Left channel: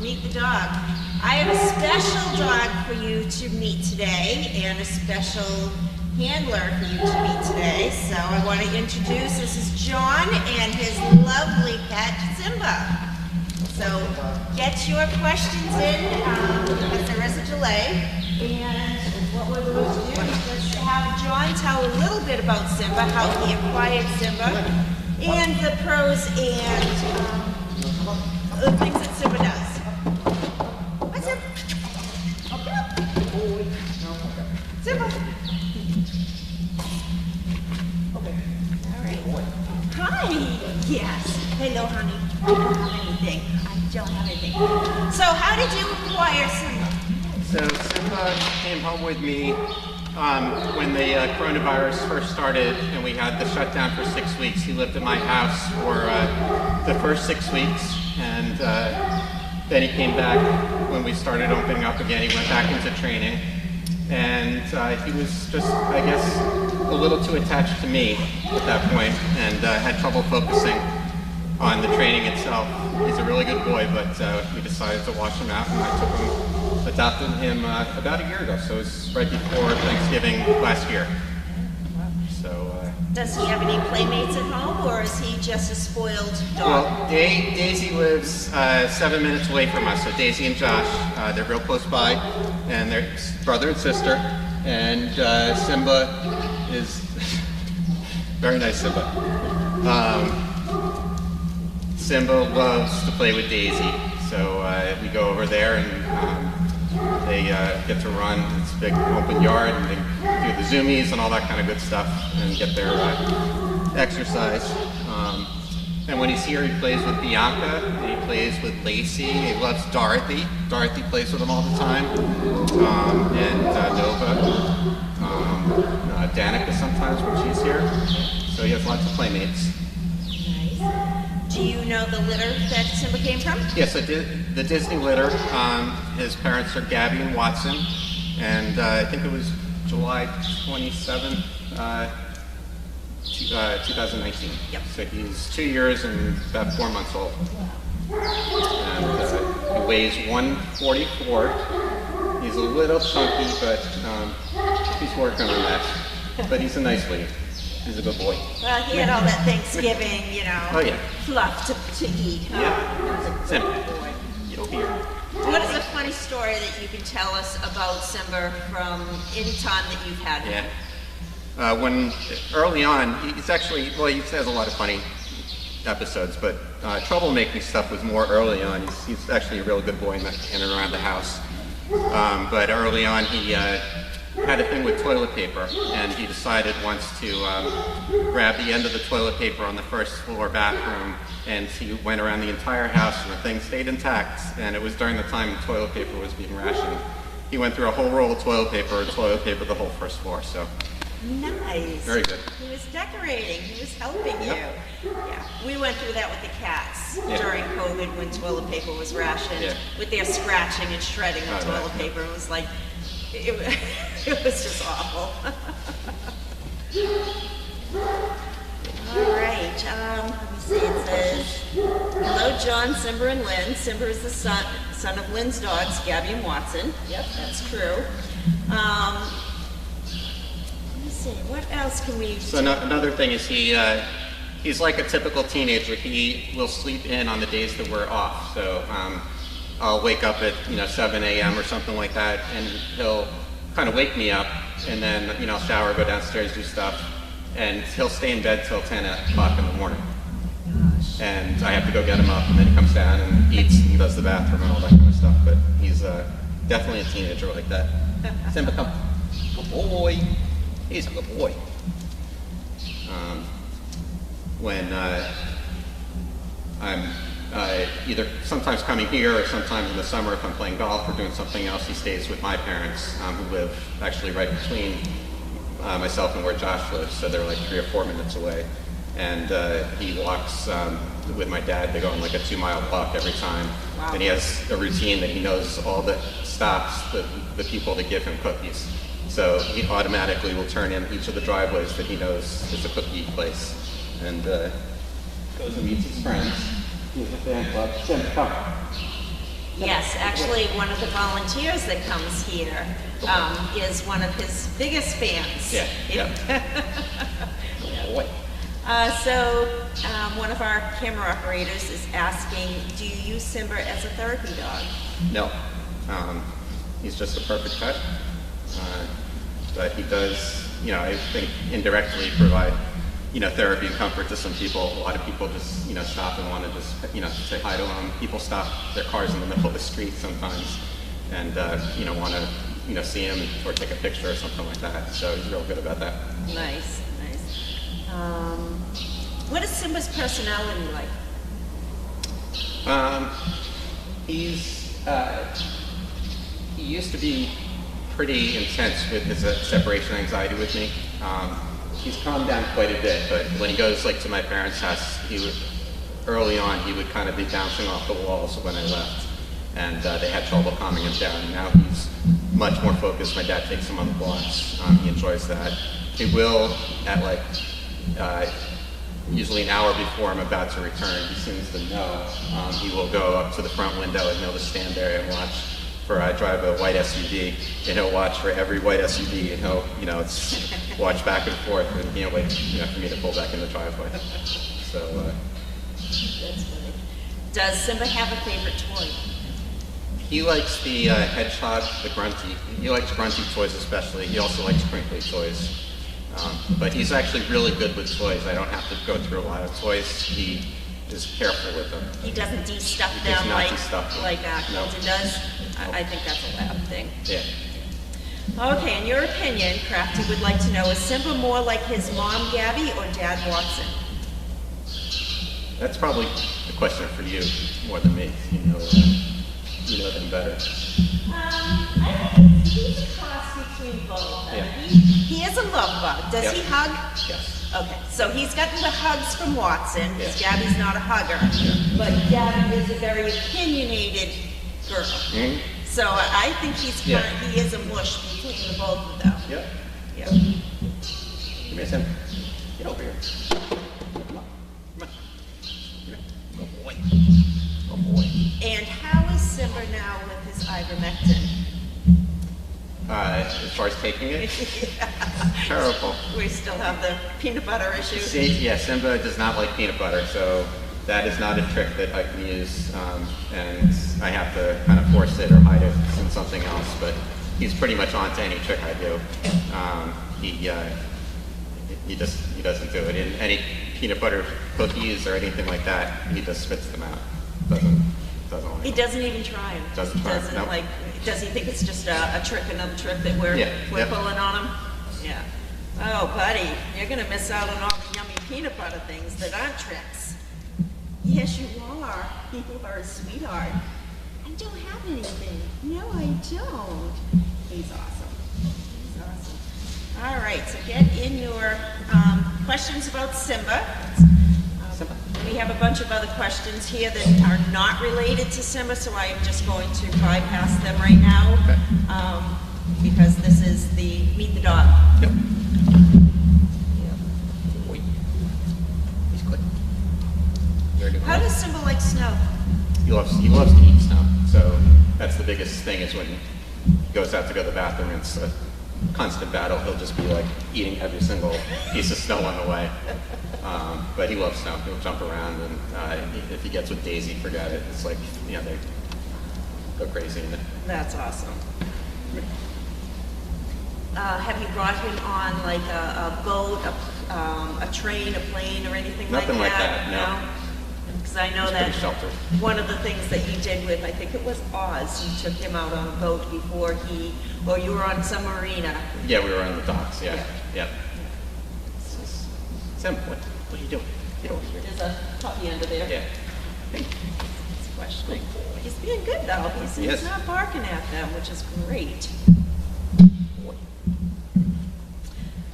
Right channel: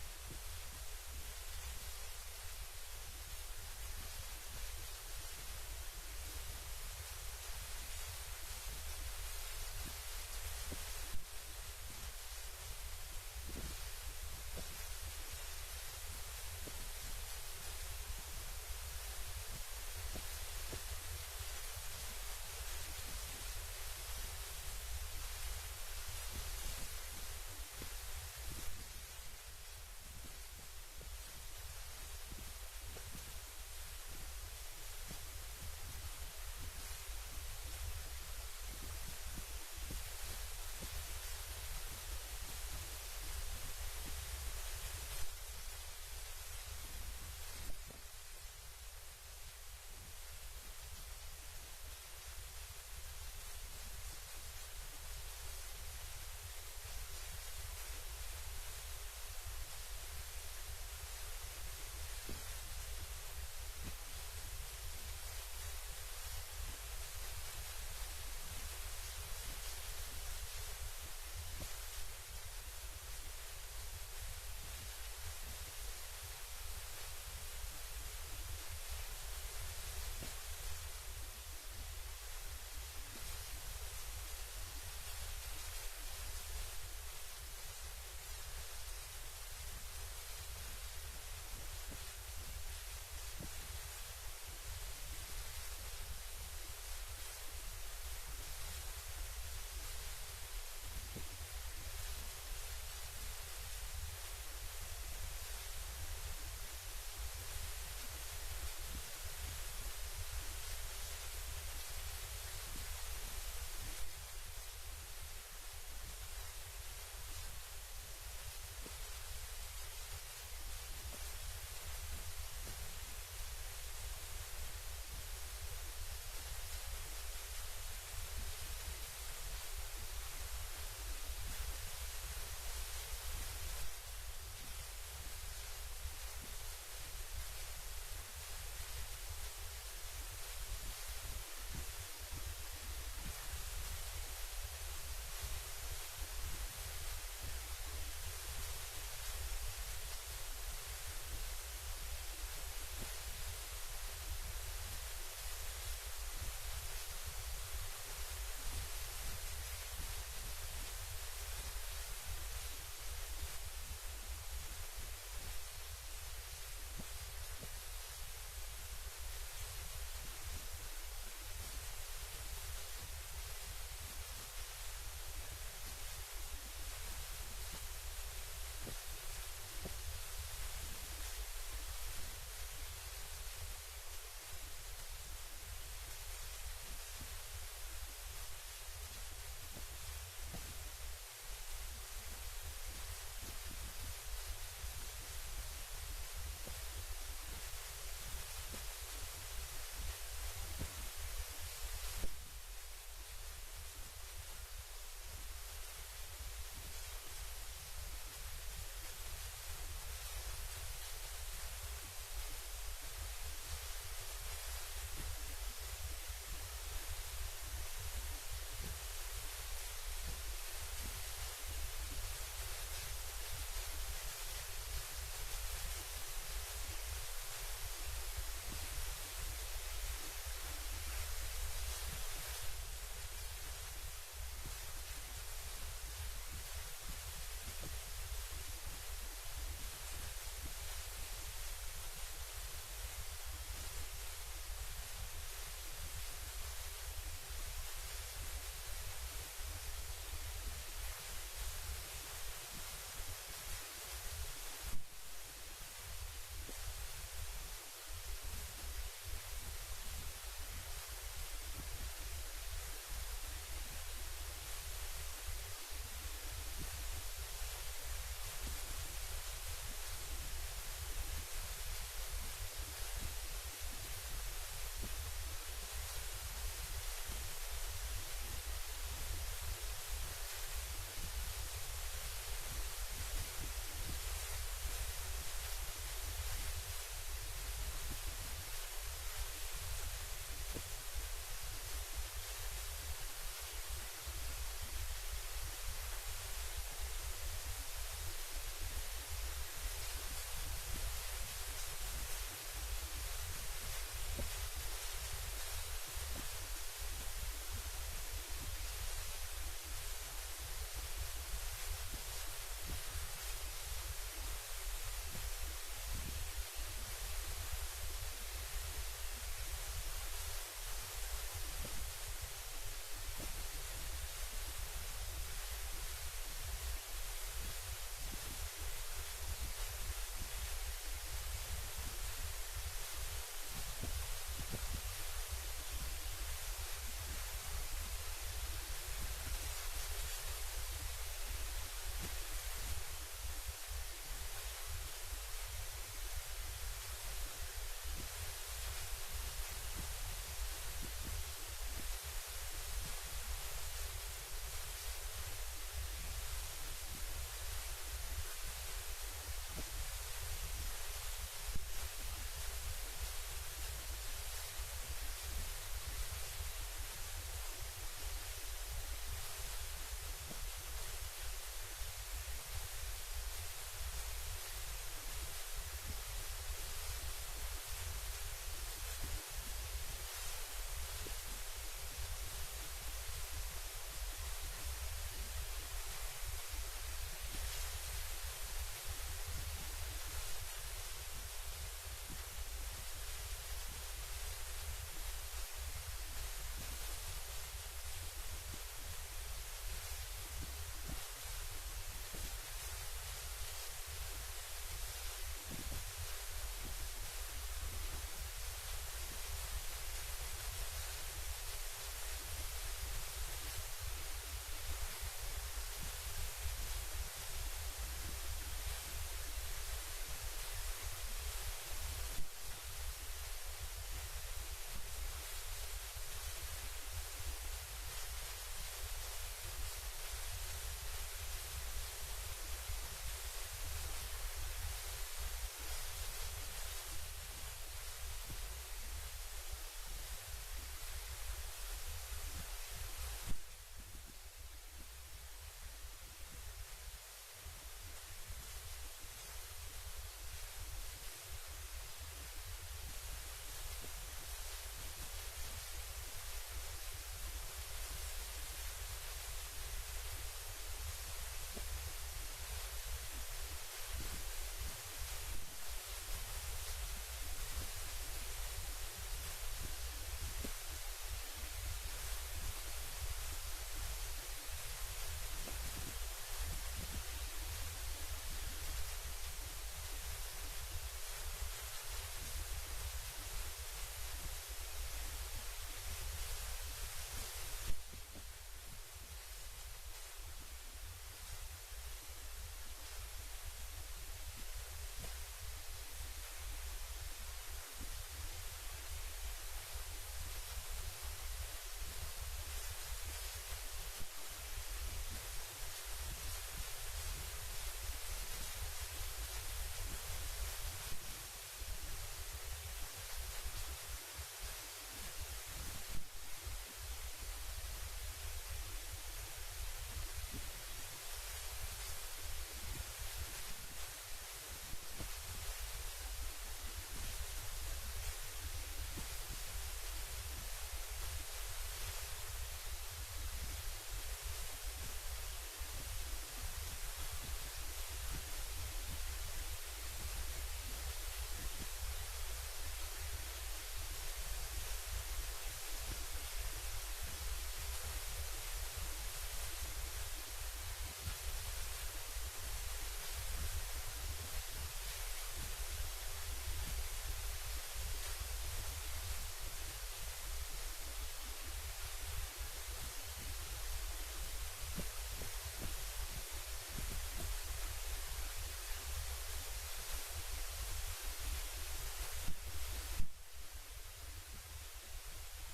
Meet the dog. I have a special dog for you to meet today and a special handler for you to meet today. So I want to introduce, this is John and his lovely pet, Simba. So get your questions in because there is a delay. And what we're going to do is just have John tell a little bit about Simba, how he acquired Simba, and the pros and the things that Simba does. What's up? Simba. Okay. All right. Hi. Yes. Hello, honey. I don't have anything. So how did you acquire Simba? So Simba came home with me when the coronavirus first started and we had the shutdown for 6 weeks. He lived in my house for the first 6 weeks, and then he came back when we started opening up again. He went back into training, and he was just, I guess, a little too attached to me at that point, and had trouble focusing on the training itself. He's a really good boy, but we decided to wash him out, and I took him, adopted him about a year ago, so it was right before Thanksgiving last year. So. Does he have any playmates at home, or is he just a spoiled dog? Well, Daisy lives 7 minutes away from us, so Daisy and Josh, they're real close by, and they're brother and sister, and Simba is, very nice Simba. Simba loves to play with Daisy, so we go over there and they get to run. It's a big open yard, and they do the zoomies and all that kind of good stuff and get their exercise. And when he's here, he plays with Bianca, and he plays with Lacey. He loves Dorothy. Dorothy plays with him all the time, and Nova, Danica sometimes when she's here. So he has lots of playmates. Nice. Do you know the litter that Simba came from? Yes, I did. The Disney litter. His parents are Gabby and Watson, and I think it was July 27th, 2019. Yep. So he's 2 years and about 4 months old. And he weighs 144. He's a little chunky, but he's working on that. But he's a nice lead. He's a good boy. Well, he had all that Thanksgiving, you know, oh, yeah. fluff to eat. Huh? Yeah. Simba. You'll hear. What is a funny story that you can tell us about Simba from any time that you've had him? Yeah. When early on, he's actually, well, he has a lot of funny episodes, but troublemaking stuff was more early on. He's actually a real good boy in and around the house. But early on, he had a thing with toilet paper, and he decided once to grab the end of the toilet paper on the first floor bathroom, and he went around the entire house, and the thing stayed intact, and it was during the time toilet paper was being rationed. He went through a whole roll of toilet paper the whole first floor, so. Nice. Very good. He was decorating. He was helping you. Yeah. We went through that with the cats during COVID when toilet paper was rationed, with their scratching and shredding of toilet paper. It was like, it was just awful. All right. Let me see. It says, hello, John, Simba, and Lynn. Simba is the son of Lynn's dogs, Gabby and Watson. Yep, that's true. What else can we do? So another thing is he's like a typical teenager. He will sleep in on the days that we're off. So I'll wake up at 7 a.m. or something like that, and he'll kind of wake me up, and then I'll shower, go downstairs, do stuff, and he'll stay in bed till 10 o'clock in the morning. And I have to go get him up, and then he comes down and eats and does the bathroom and all that kind of stuff. But he's definitely a teenager like that. Simba, come. Good boy. He's a good boy. When I'm either sometimes coming here or sometimes in the summer if I'm playing golf or doing something else, he stays with my parents who live actually right between myself and where Josh lives, so they're like 3 or 4 minutes away. And he walks with my dad. They go on like a 2-mile walk every time. Wow. And he has a routine that he knows all the stops, the people that give him cookies. So he automatically will turn in each of the driveways that he knows is a cookie place. And goes and meets his friends. He has a fan club. Simba, come. Yes, actually, one of the volunteers that comes here is one of his biggest fans. Yeah, yeah. Boy. One of our camera operators is asking, do you use Simba as a therapy dog? No. He's just a perfect pet. But he does, I think indirectly provide, therapy and comfort to some people. A lot of people just, stop and want to just, say hi to him. People stop their cars in the middle of the street sometimes and, want to, see him or take a picture or something like that. So he's real good about that. Nice, nice. What is Simba's personality like? He used to be pretty intense with his separation anxiety with me. He's calmed down quite a bit, but when he goes to my parents' house, early on he would kind of be bouncing off the walls when I left, and they had trouble calming him down. Now he's much more focused. My dad takes him on the walks. He enjoys that. He will, at usually an hour before I'm about to return, he seems to know. He will go up to the front window and he'll just stand there and watch. I drive a white SUV, and he'll watch for every white SUV, and he'll, it's watch back and forth, and he can't wait, for me to pull back in the driveway. So. That's funny. Does Simba have a favorite toy? He likes the hedgehog, the grunty. He likes grunty toys especially. He also likes crinkly toys. But he's actually really good with toys. I don't have to go through a lot of toys. He is careful with them. He doesn't de-stuff He does them not like de-stuff them. No. Colton does? I think that's a lab thing. Yeah. Okay, in your opinion, Crafty would like to know, is Simba more like his mom, Gabby, or Dad, Watson? That's probably a question for you more than me. You know them better. I think he's a cross between both. Yeah. He is a love bug. Does Yep. he hug? Yes. Okay, so he's gotten the hugs from Watson, because Yeah. Gabby's not a hugger. Yeah. But Gabby is a very opinionated girl. Mm-hmm. So I think he is a mush between the both of them. Yep. Yep. You miss him. Get over here. Come on. Come on. Good boy. Good boy. And how is Simba now with his ivermectin? As far as taking it, terrible. We still have the peanut butter issue. See, yeah, Simba does not like peanut butter, so that is not a trick that I can use, and I have to kind of force it or hide it in something else. But he's pretty much on to any trick I do. He doesn't do it. In any peanut butter cookies or anything like that, he just spits them out. Doesn't like He them. doesn't even try them. Doesn't try 'em, Doesn't nope. does he think it's just a trick, another trick that we're Yep. pulling on him? Yeah. Oh, buddy, you're gonna miss out on all the yummy peanut butter things that aren't tricks. Yes, you are. You are a sweetheart. I don't have anything. No, I don't. He's awesome. He's awesome. All right, so get in your questions about Simba. Simba. We have a bunch of other questions here that are not related to Simba, so I am just going to bypass them right now. Okay. Because this is the Meet the Dog. Yep. Wait. He's quick. Very good. How does Simba like snow? He loves to eat snow. So that's the biggest thing is when he goes out to go to the bathroom. It's a constant battle. He'll just be like eating every single piece of snow on the way. But he loves snow. He'll jump around, and if he gets with Daisy, forget it. It's like, they go crazy in it. That's awesome. Have you brought him on like a boat, a train, a plane, or anything Nothing like like that? that, no. Because I know He's that pretty sheltered. one of the things that you did with, I think it was Oz, you took him out on a boat before you were on some marina. Yeah, we were on the docks. Yeah. Yeah. Yep. Sam, what are you doing? Get over here. There's a puppy under there. Yeah. Hey. He's questioning. He's being good though. He's Yes. not barking at them, which is great.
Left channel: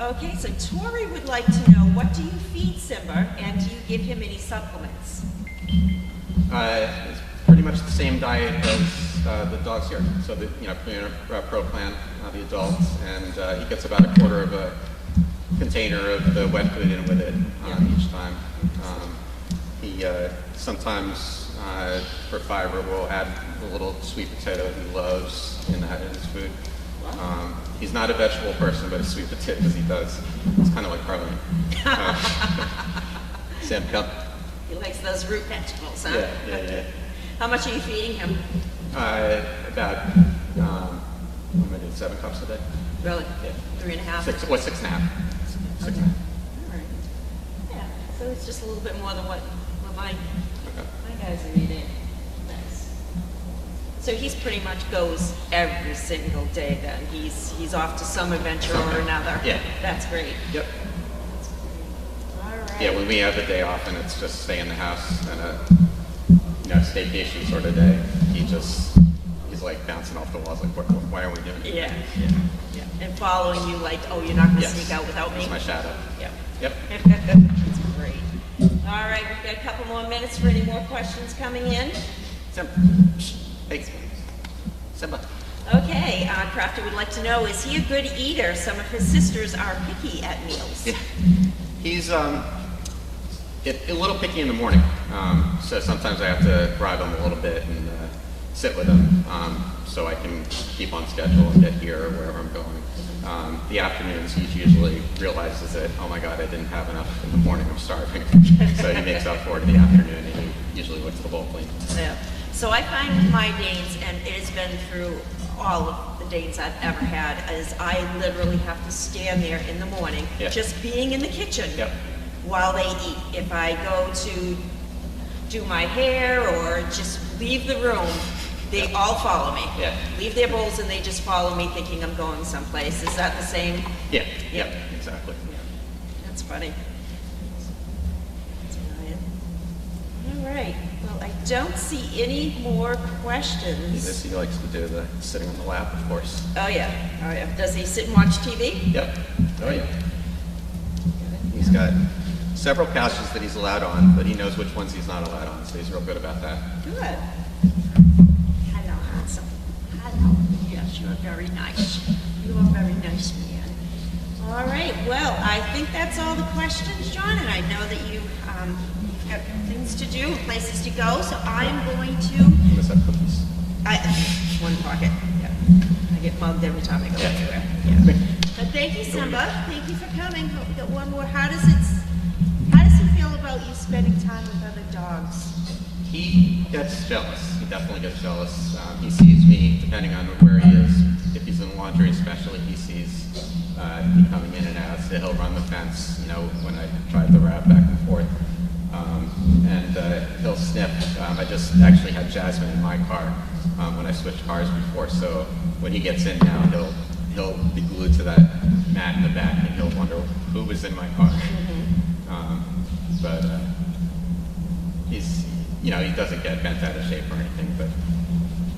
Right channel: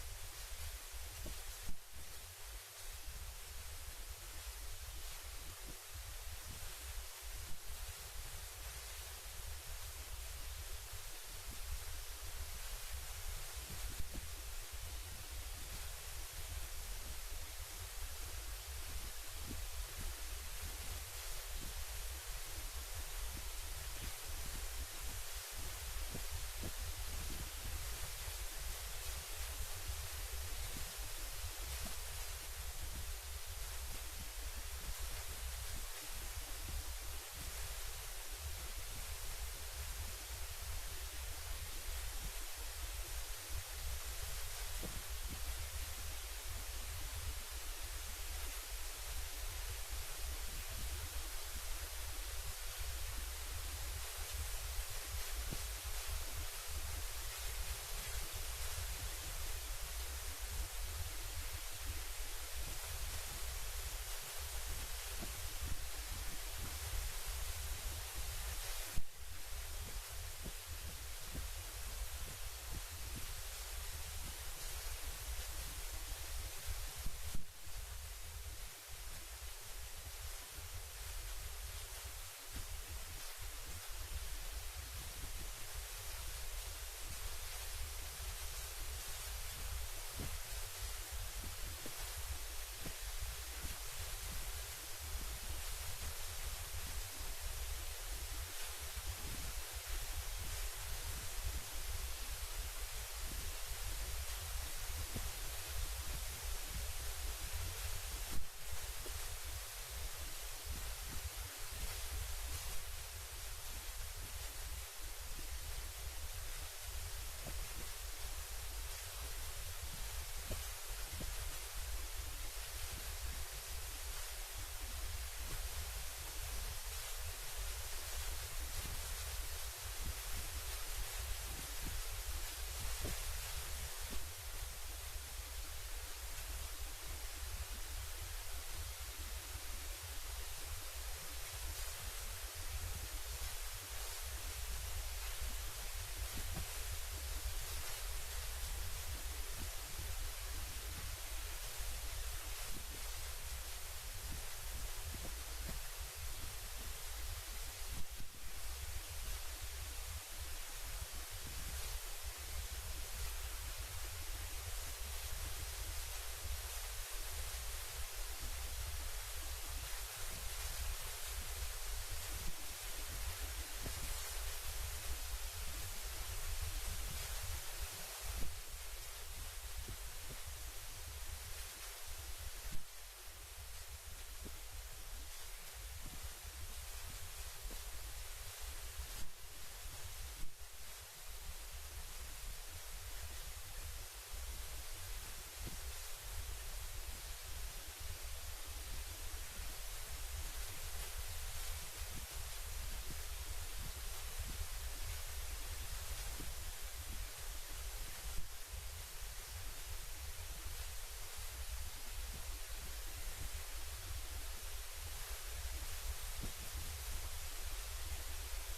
Okay, so Tori would like to know, what do you feed Simba, and do you give him any supplements? It's pretty much the same diet as the dogs here. So the Pro Plan, the adult, and he gets about a quarter of a container of the wet food in with it each time. He sometimes for fiber will add a little sweet potato he loves in his food. He's not a vegetable person, but a sweet potato he does. It's kind of like Carlene. Sam, come. He likes those root vegetables, huh? Yeah. How much are you feeding him? About 7 cups a day. Really? Yeah. 3.5? 6.5. 6.5. All right. Yeah, so it's just a little bit more than what my guys are eating. Nice. So he's pretty much goes every single day then. He's off to some adventure or another. Yeah. That's great. Yep. All right. Yeah, when we have the day off and it's just stay in the house and a staycation sort of day, he's like bouncing off the walls like, why are we doing it? Yeah. And following you like, oh, you're not going to Yes. sneak out without me? It's my shadow. Yep. Yep. That's great. All right, we've got a couple more minutes for any more questions coming in. Simba. Hey. Simba. Okay, Crafter would like to know, is he a good eater? Some of his sisters are picky at meals. Yeah. He's a little picky in the morning, so sometimes I have to bribe him a little bit and sit with him so I can keep on schedule and get here or wherever I'm going. The afternoons, he usually realizes that, oh my God, I didn't have enough in the morning, I'm starving. So he makes up for it in the afternoon, and he usually looks the bowl clean. Yeah. So I find with my Danes, and it has been through all of the Danes I've ever had, is I literally have to stand there in the morning, just being in the kitchen while they eat. If I go to do my hair or just leave the room, they all follow me. Yeah. Leave their bowls and they just follow me thinking I'm going someplace. Is that the same? Yeah, exactly. That's funny. That's brilliant. All right. Well, I don't see any more questions. He likes to do the sitting on the lap, of course. Oh yeah. Does he sit and watch TV? Yep. Oh yeah. He's got several couches that he's allowed on, but he knows which ones he's not allowed on, so he's real good about that. Good. Hello, handsome. Hello. Yes, you're very nice. You are very nice man. All right. Well, I think that's all the questions, John, and I know that you've got things to do, places to go, so I'm going to... Let's have cookies. One pocket. Yeah. I get mugged every time I go anywhere. Yeah. But thank you, Simba. Thank you for coming. Hope we got one more. How does he feel about you spending time with other dogs? He gets jealous. He definitely gets jealous. He sees me, depending on where he is. If he's in laundry especially, he sees me coming in and out. So he'll run the fence, when I drive the wrap back and forth. And he'll sniff. I just actually had Jasmine in my car when I switched cars before. So when he gets in now, he'll be glued to that mat in the back and he'll wonder who was in my car. But he's, he doesn't get bent out of shape or anything, but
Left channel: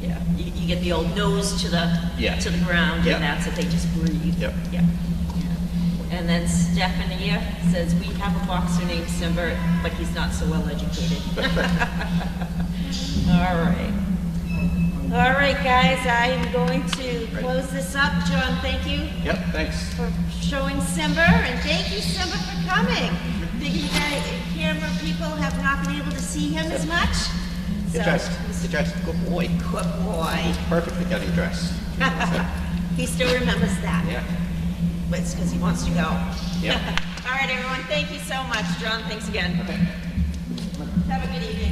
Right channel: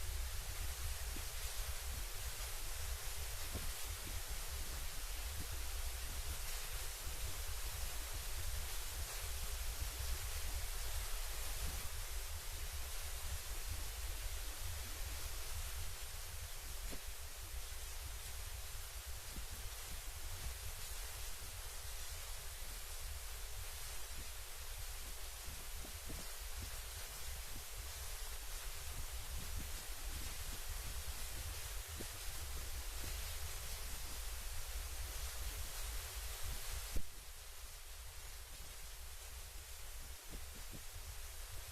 yeah, you get the old nose to the ground, and that's it. They just breathe. Yep. Yeah. And then Stephanie says we have a boxer named Simba, but he's not so well educated. All right, guys. I am going to close this up. John, thank you. Yep. Thanks. For showing Simba, and thank you, Simba, for coming. Thinking that camera people have not been able to see him as much. Get dressed. Good boy. Good boy. Perfect for getting dressed. He still remembers that. Yeah. But it's because he wants to go. Yeah. All right, everyone. Thank you so much. John, thanks again. Okay. Have a good evening.